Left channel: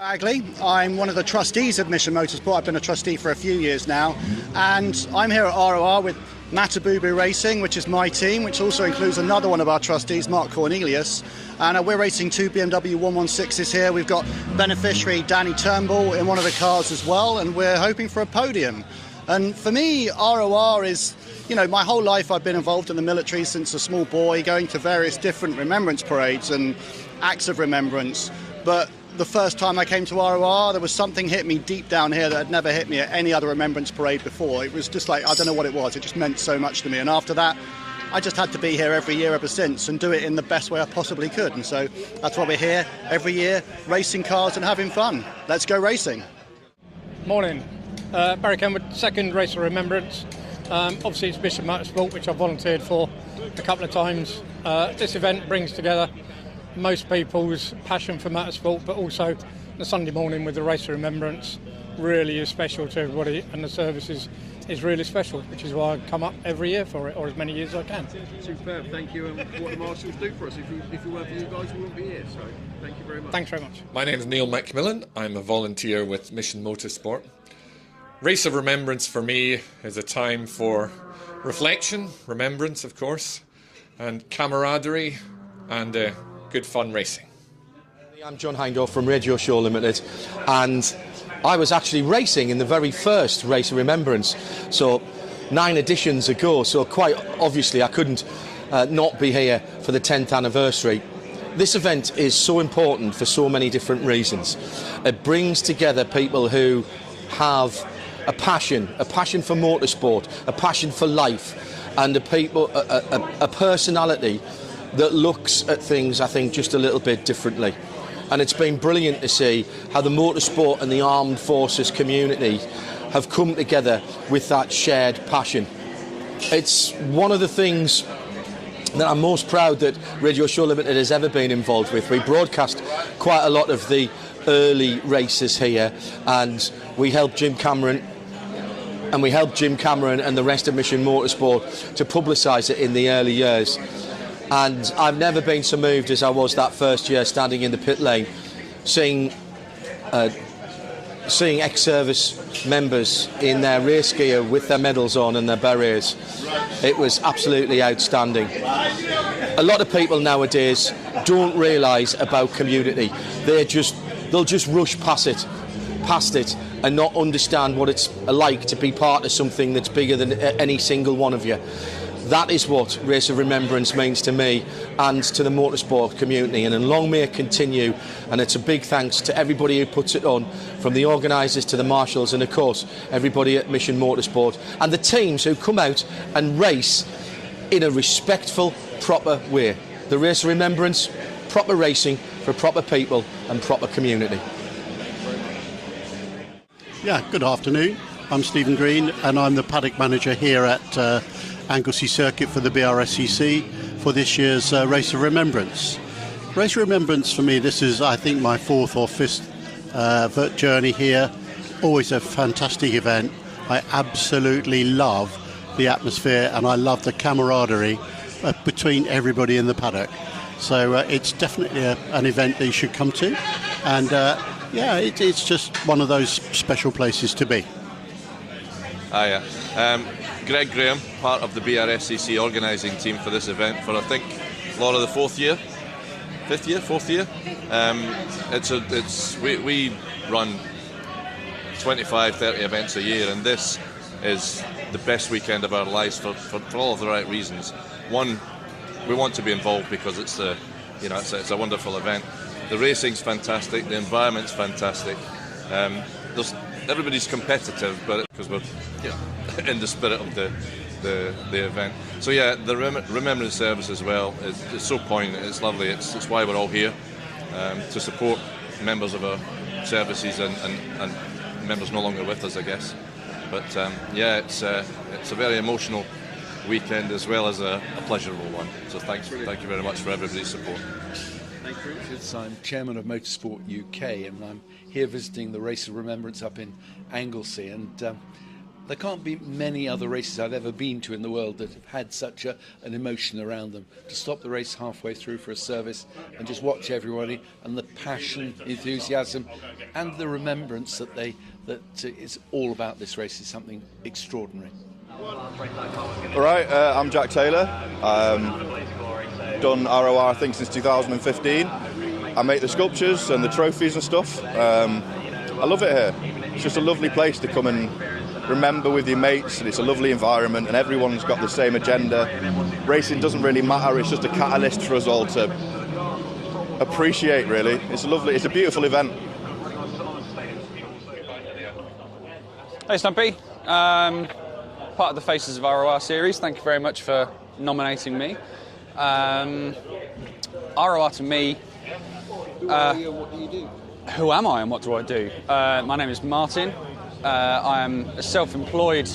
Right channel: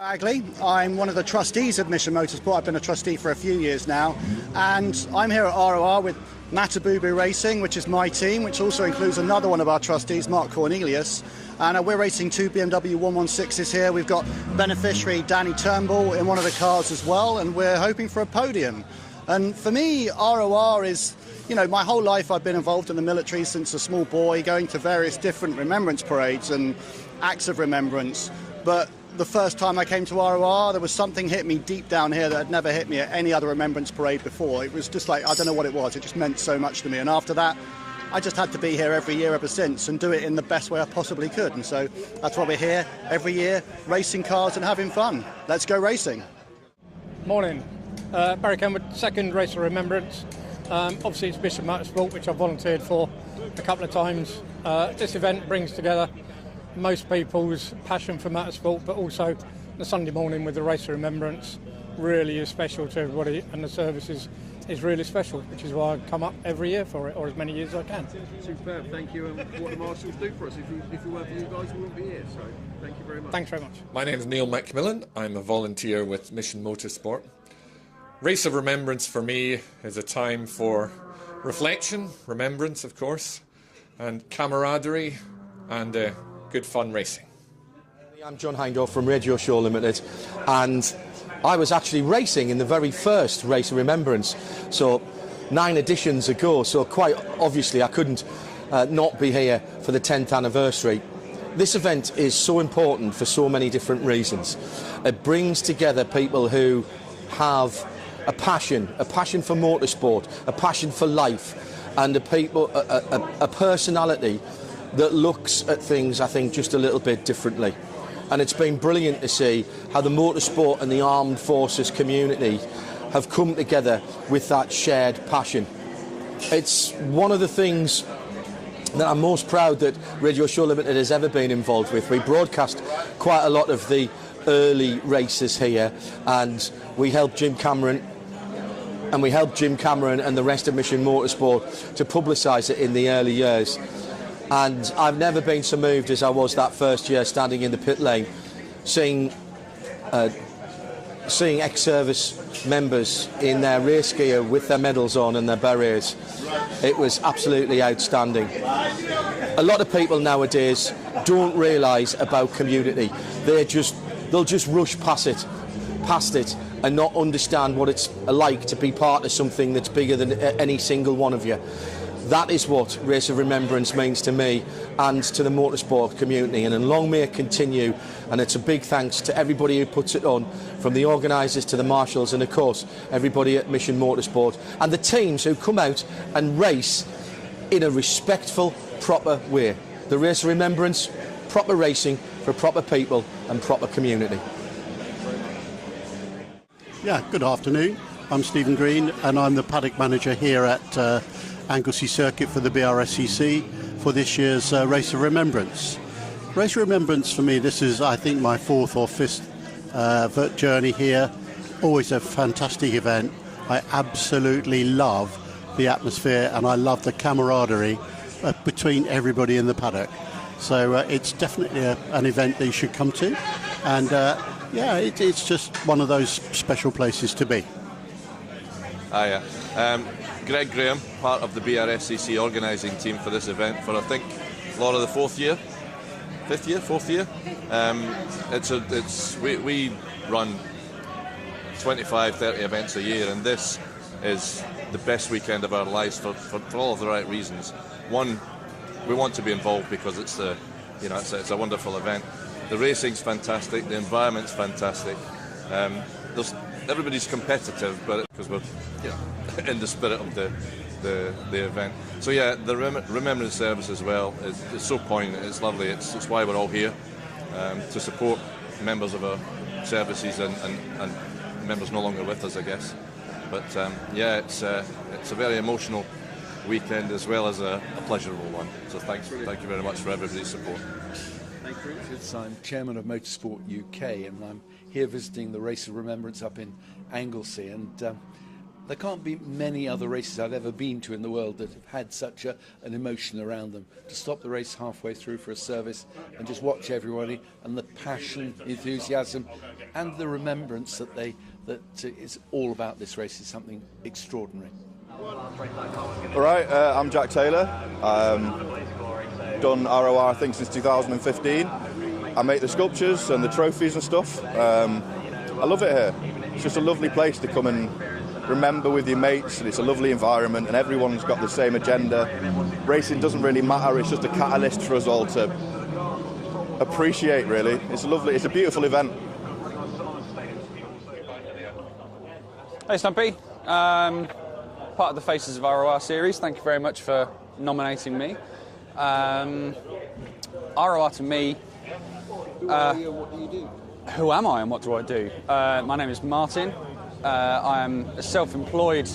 Anglesey. I'm one of the trustees of Mission Motorsport. I've been a trustee for a few years now, and I'm here at ROR with Matabubu Racing, which is my team, which also includes another one of our trustees, Mark Cornelius. And we're racing two BMW 116s here. We've got beneficiary Danny Turnbull in one of the cars as well, and we're hoping for a podium. And for me, ROR is, you know, my whole life I've been involved in the military since a small boy, going to various different remembrance parades and acts of remembrance. But the first time I came to ROR, there was something hit me deep down here that had never hit me at any other remembrance parade before. It was just like, I don't know what it was, it just meant so much to me. And after that, I just had to be here every year ever since and do it in the best way I possibly could. And so that's why we're here every year, racing cars and having fun. Let's go racing. Morning. Barry Kenwood, second Race of Remembrance. Obviously it's Mission Motorsport, which I've volunteered for a couple of times. This event brings together most people's passion for motorsport, but also the Sunday morning with the Race of Remembrance really is special to everybody, and the service is really special, which is why I come up every year for it, or as many years as I can. Superb, thank you. And what the marshals do for us, if it weren't for you guys, we wouldn't be here, so thank you very much. Thanks very much. My name is Neil Macmillan. I'm a volunteer with Mission Motorsport. Race of Remembrance for me is a time for reflection, remembrance of course, and camaraderie and good fun racing. I'm John Hindhaugh from Radio Show Limited, and I was actually racing in the very first Race of Remembrance, so 9 editions ago, so quite obviously I couldn't not be here for the 10th anniversary. This event is so important for so many different reasons. It brings together people who have a passion for motorsport, a passion for life, and a personality that looks at things, I think, just a little bit differently. And it's been brilliant to see how the motorsport and the armed forces community have come together with that shared passion. It's one of the things that I'm most proud that Radio Show Limited has ever been involved with. We broadcast quite a lot of the early races here, and we helped Jim Cameron and the rest of Mission Motorsport to publicise it in the early years. And I've never been so moved as I was that first year standing in the pit lane, seeing ex-service members in their race gear with their medals on and their berets. It was absolutely outstanding. A lot of people nowadays don't realise about community. They'll just rush past it and not understand what it's like to be part of something that's bigger than any single one of you. That is what Race of Remembrance means to me and to the motorsport community, and long may it continue. And it's a big thanks to everybody who puts it on, from the organisers to the marshals, and of course everybody at Mission Motorsport and the teams who come out and race in a respectful, proper way. The Race of Remembrance, proper racing for proper people and proper community. Yeah, good afternoon. I'm Stephen Green, and I'm the paddock manager here at Anglesey Circuit for the BRSCC for this year's Race of Remembrance. Race of Remembrance for me, this is I think my 4th or 5th journey here. Always a fantastic event. I absolutely love the atmosphere, and I love the camaraderie between everybody in the paddock. So it's definitely an event that you should come to, and yeah, it's just one of those special places to be. Hiya. Greg Graham, part of the BRSCC organising team for this event for, I think, Laura, the 4th year? 4th year? We run 25, 30 events a year, and this is the best weekend of our lives for all of the right reasons. One, we want to be involved because it's a wonderful event. The racing's fantastic, the environment's fantastic. Everybody's competitive, but because we're in the spirit of the event. So yeah, the remembrance service as well is so poignant. It's lovely. It's why we're all here, to support members of our services and members no longer with us, I guess. But yeah, it's a very emotional weekend as well as a pleasurable one. So thank you very much for everybody's support. Thank you, Richard. I'm chairman of Motorsport UK, and I'm here visiting the Race of Remembrance up in Anglesey, and there can't be many other races I've ever been to in the world that have had such an emotion around them. To stop the race halfway through for a service and just watch everybody, and the passion, enthusiasm, and the remembrance that it's all about this race is something extraordinary. All right, I'm Jack Taylor. Done ROR I think since 2015. I make the sculptures and the trophies and stuff. I love it here. It's just a lovely place to come and remember with your mates, and it's a lovely environment, and everyone's got the same agenda. Racing doesn't really matter, it's just a catalyst for us all to appreciate, really. It's a beautiful event. Hey Stumpy, part of the Faces of ROR series, thank you very much for nominating me. ROR to me, who am I and what do I do? My name is Martin. I am a self-employed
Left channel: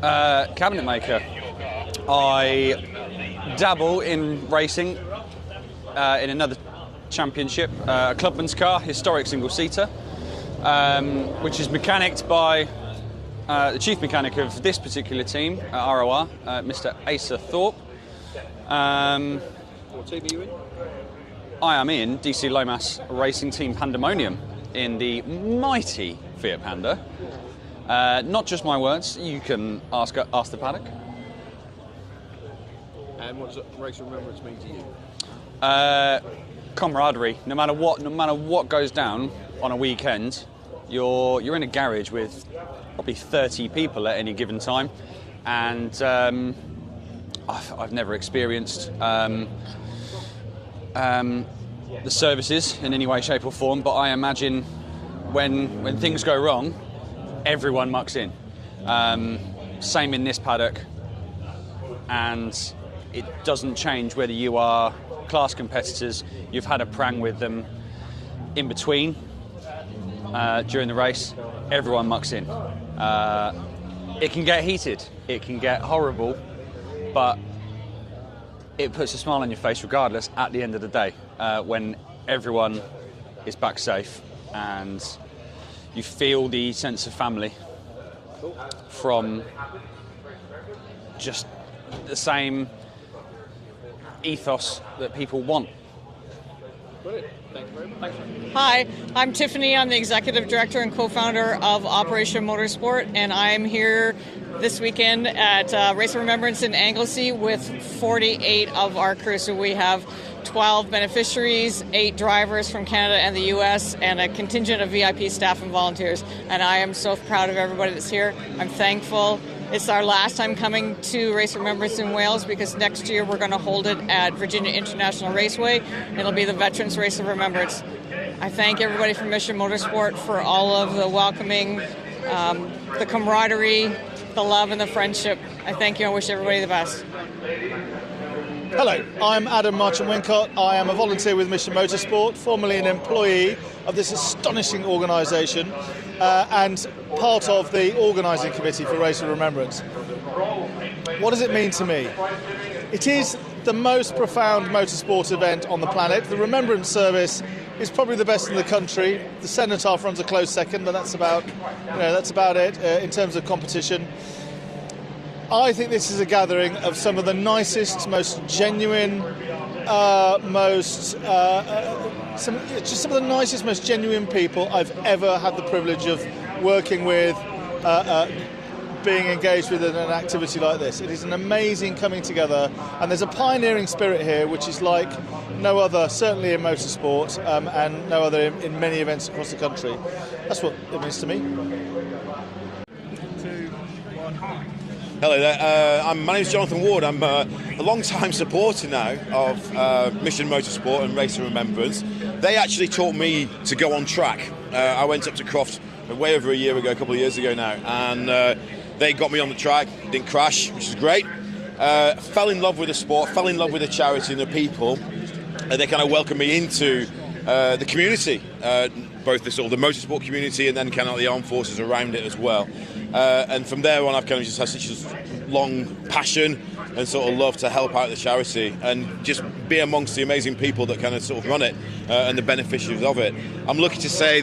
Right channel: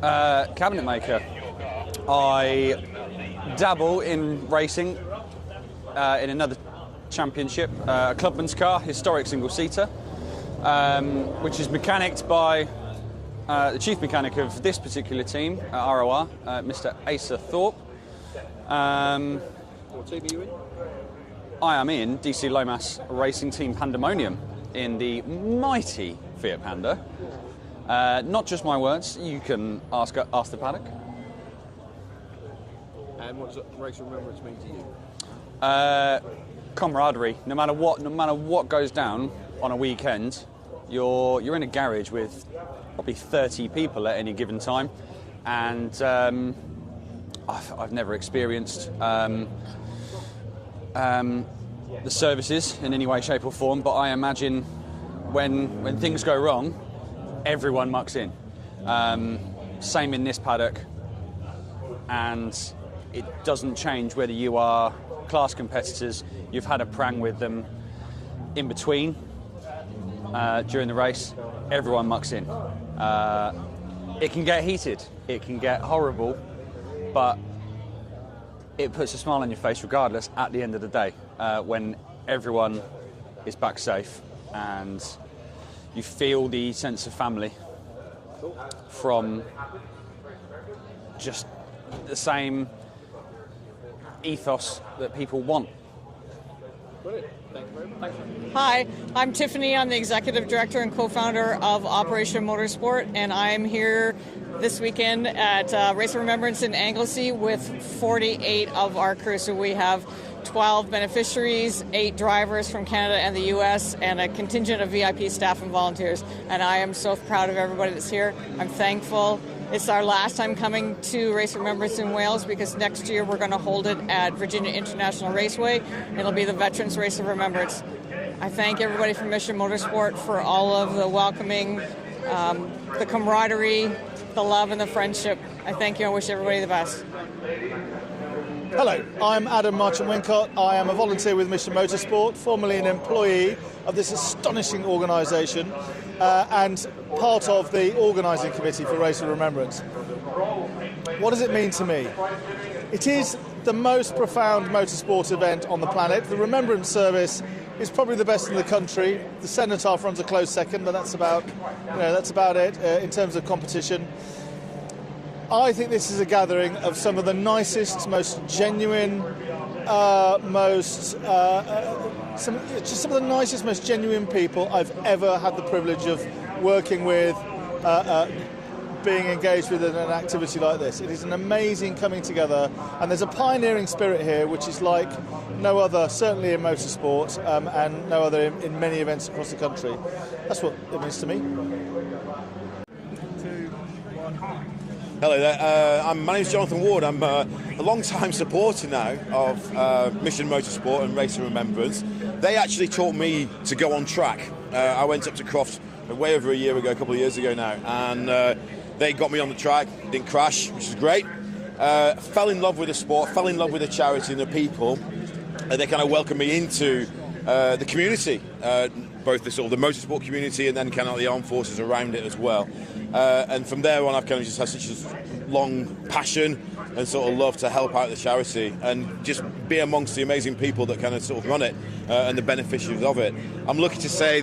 cabinet maker. I dabble in racing in another championship, a clubman's car, historic single-seater, which is mechanicked by the chief mechanic of this particular team at ROR, Mr. Asa Thorpe. What team are you in? I am in DC Lomas Racing Team Pandemonium in the mighty Fiat Panda. Not just my words, you can ask the paddock. And what does Race of Remembrance mean to you? Camaraderie. No matter what goes down on a weekend, you're in a garage with probably 30 people at any given time, and I've never experienced the services in any way, shape or form, but I imagine when things go wrong, everyone mucks in. Same in this paddock, and it doesn't change whether you are class competitors, you've had a prang with them in between, during the race, everyone mucks in. It can get heated, it can get horrible, but it puts a smile on your face regardless at the end of the day, when everyone is back safe and you feel the sense of family from just the same ethos that people want. Hi, I'm Tiffany. I'm the Executive Director and Co-Founder of Operation Motorsport, and I'm here this weekend at Race of Remembrance in Anglesey with 48 of our crew. So we have 12 beneficiaries, 8 drivers from Canada and the US, and a contingent of VIP staff and volunteers. And I am so proud of everybody that's here. I'm thankful. It's our last time coming to Race of Remembrance in Wales, because next year we're going to hold it at Virginia International Raceway. It'll be the Veterans Race of Remembrance. I thank everybody from Mission Motorsport for all of the welcoming, the camaraderie, the love and the friendship. I thank you and wish everybody the best. Hello, I'm Adam Marchant-Wincott. I am a volunteer with Mission Motorsport, formerly an employee of this astonishing organisation, and part of the organising committee for Race of Remembrance. What does it mean to me? It is the most profound motorsport event on the planet. The Remembrance Service is probably the best in the country. The Cenotaph runs a close second, but that's about it in terms of competition. I think this is a gathering of some of the nicest, most genuine, some of the nicest, most genuine people I've ever had the privilege of working with, being engaged with in an activity like this. It is an amazing coming together, and there's a pioneering spirit here which is like no other, certainly in motorsport, and no other in many events across the country. That's what it means to me. Hello there, my name's Jonathan Ward. I'm a long-time supporter now of Mission Motorsport and Race of Remembrance. They actually taught me to go on track. I went up to Croft way over a year ago, a couple of years ago now, and they got me on the track, didn't crash, which is great. Fell in love with the sport, fell in love with the charity and the people, and they kind of welcomed me into the community, both the sort of the motorsport community and then kind of the armed forces around it as well. And from there on, I've kind of just had such a long passion and sort of love to help out the charity and just be amongst the amazing people that kind of sort of run it and the beneficiaries of it. I'm lucky to say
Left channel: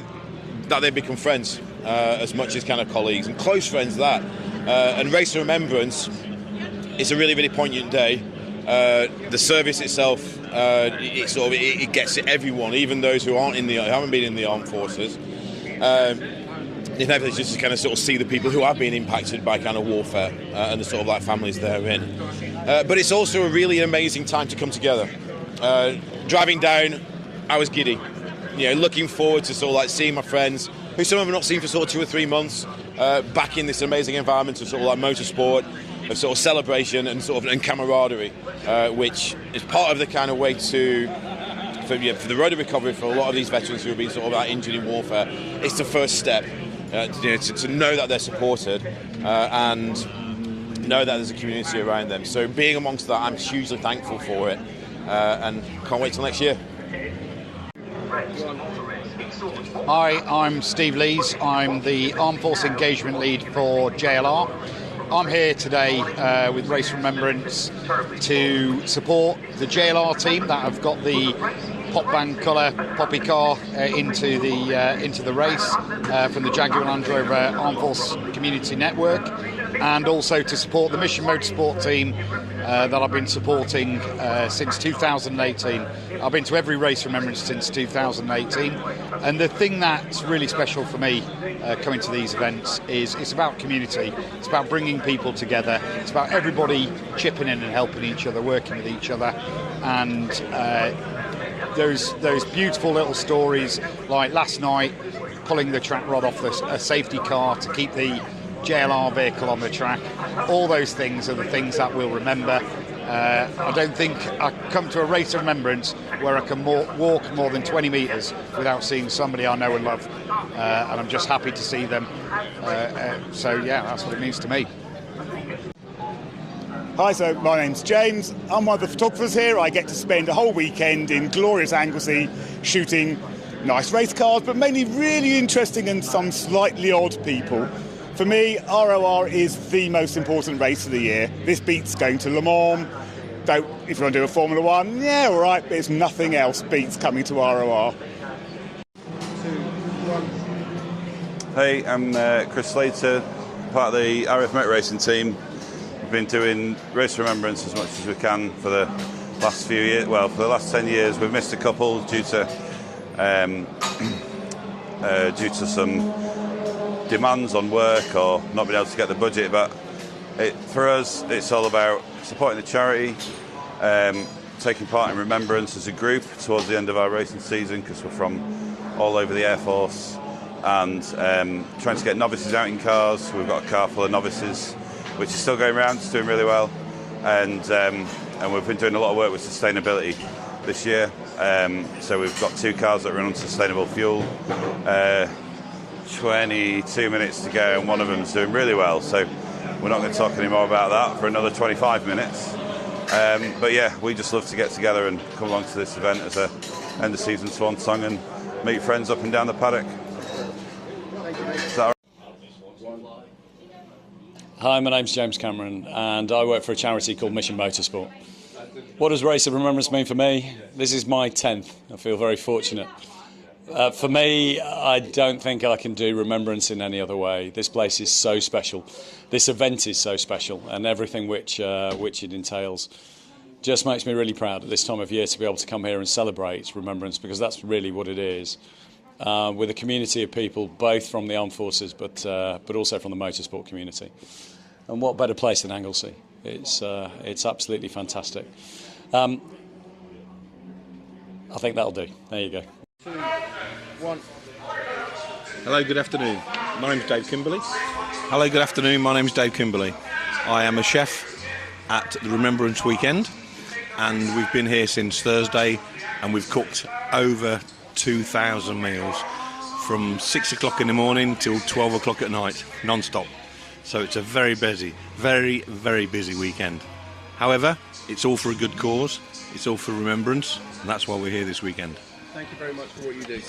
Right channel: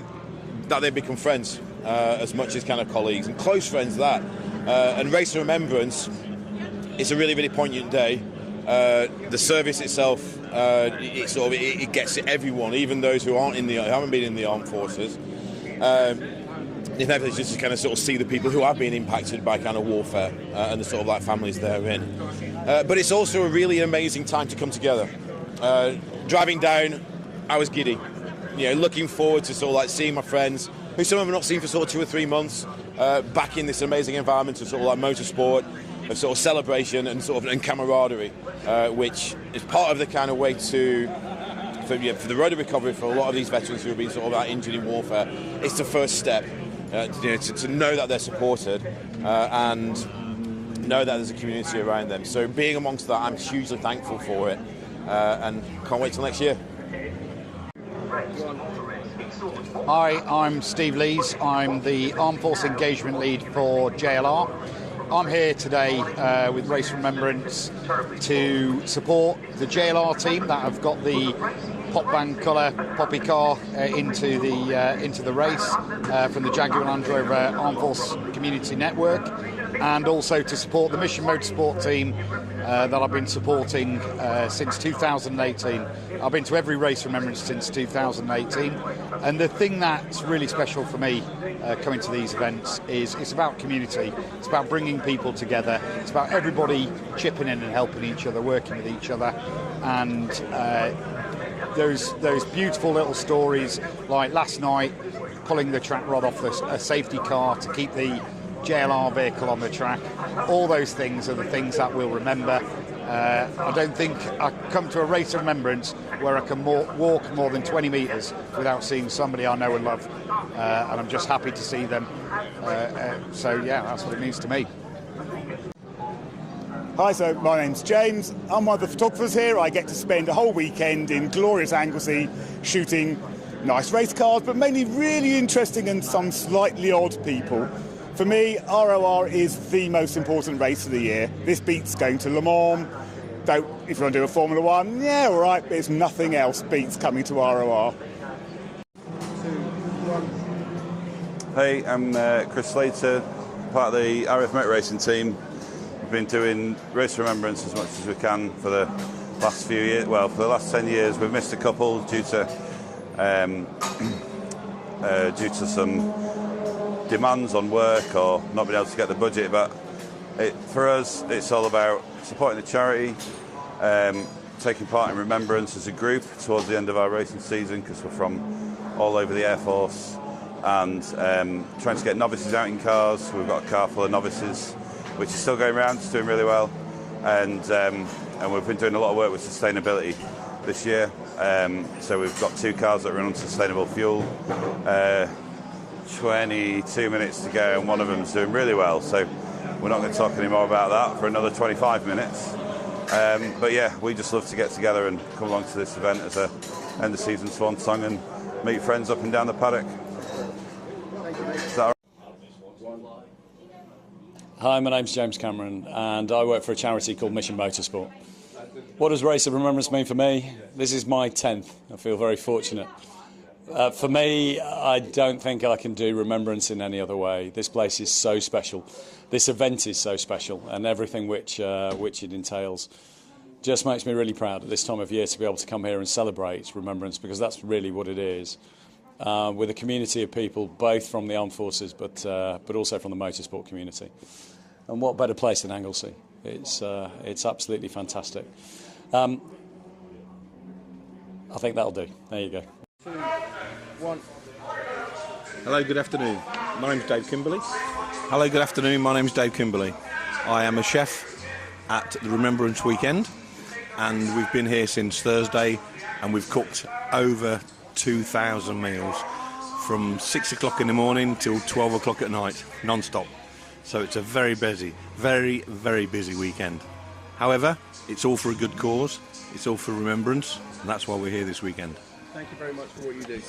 that they've become friends as much as kind of colleagues and close friends that. And Race of Remembrance is a really, really poignant day. The service itself It gets to everyone, even those who haven't been in the armed forces. It's nice just to kind of sort of see the people who have been impacted by kind of warfare and the sort of like families therein. But it's also a really amazing time to come together. Driving down, I was giddy. Looking forward to sort of like seeing my friends, who some of them have not seen for sort of 2 or 3 months, back in this amazing environment of sort of like motorsport, of sort of celebration and camaraderie, which is part of the kind of way for the road to recovery for a lot of these veterans who have been sort of like injured in warfare. It's the first step to know that they're supported and know that there's a community around them. So being amongst that, I'm hugely thankful for it, and can't wait till next year. Hi, I'm Steve Lees. I'm the Armed Force Engagement Lead for JLR. I'm here today with Race of Remembrance to support the JLR team that have got the pop band colour poppy car into the race from the Jaguar Land Rover Armed Force Community Network, and also to support the Mission Motorsport team that I've been supporting since 2018. I've been to every Race of Remembrance since 2018, and the thing that's really special for me coming to these events is it's about community. It's about bringing people together. It's about everybody chipping in and helping each other, working with each other, and those beautiful little stories like last night pulling the track rod off a safety car to keep the JLR vehicle on the track. All those things are the things that we'll remember. I don't think I come to a Race of Remembrance where I can walk more than 20 metres without seeing somebody I know and love, and I'm just happy to see them. So yeah, that's what it means to me. Hi, so my name's James. I'm one of the photographers here. I get to spend a whole weekend in glorious Anglesey shooting nice race cars, but mainly really interesting and some slightly odd people. For me, ROR is the most important race of the year. This beats going to Le Mans. If you want to do a Formula 1, yeah, all right, but it's nothing else beats coming to ROR. Hey, I'm Chris Slater, part of the RF Motor Racing team. We've been doing Race of Remembrance as much as we can for the last few years. Well, for the last 10 years, we've missed a couple due to some demands on work or not being able to get the budget. But for us, it's all about supporting the charity, taking part in Remembrance as a group towards the end of our racing season, because we're from all over the Air Force, and trying to get novices out in cars. We've got a car full of novices, which is still going around, it's doing really well, and we've been doing a lot of work with sustainability this year. So we've got 2 cars that run on sustainable fuel, 22 minutes to go, and one of them's doing really well, so we're not going to talk any more about that for another 25 minutes. But yeah, we just love to get together and come along to this event as a end of season swan song and meet friends up and down the paddock. Is that all right? Hi, my name's James Cameron, and I work for a charity called Mission Motorsport. What does Race of Remembrance mean for me? This is my 10th. I feel very fortunate. For me, I don't think I can do Remembrance in any other way. This place is so special. This event is so special, and everything which it entails just makes me really proud at this time of year to be able to come here and celebrate Remembrance, because that's really what it is. With a community of people, both from the armed forces, but also from the motorsport community. And what better place than Anglesey? It's absolutely fantastic. I think that'll do. There you go. Hello, good afternoon. My name's Dave Kimberley. Hello, good afternoon. My name's Dave Kimberley. I am a chef at the Remembrance Weekend, and we've been here since Thursday, and we've cooked over 2,000 meals from 6 o'clock in the morning till 12 o'clock at night, non-stop. So it's a very busy, very, very busy weekend. However, it's all for a good cause, it's all for remembrance, and that's why we're here this weekend. Thank you very much for what you do.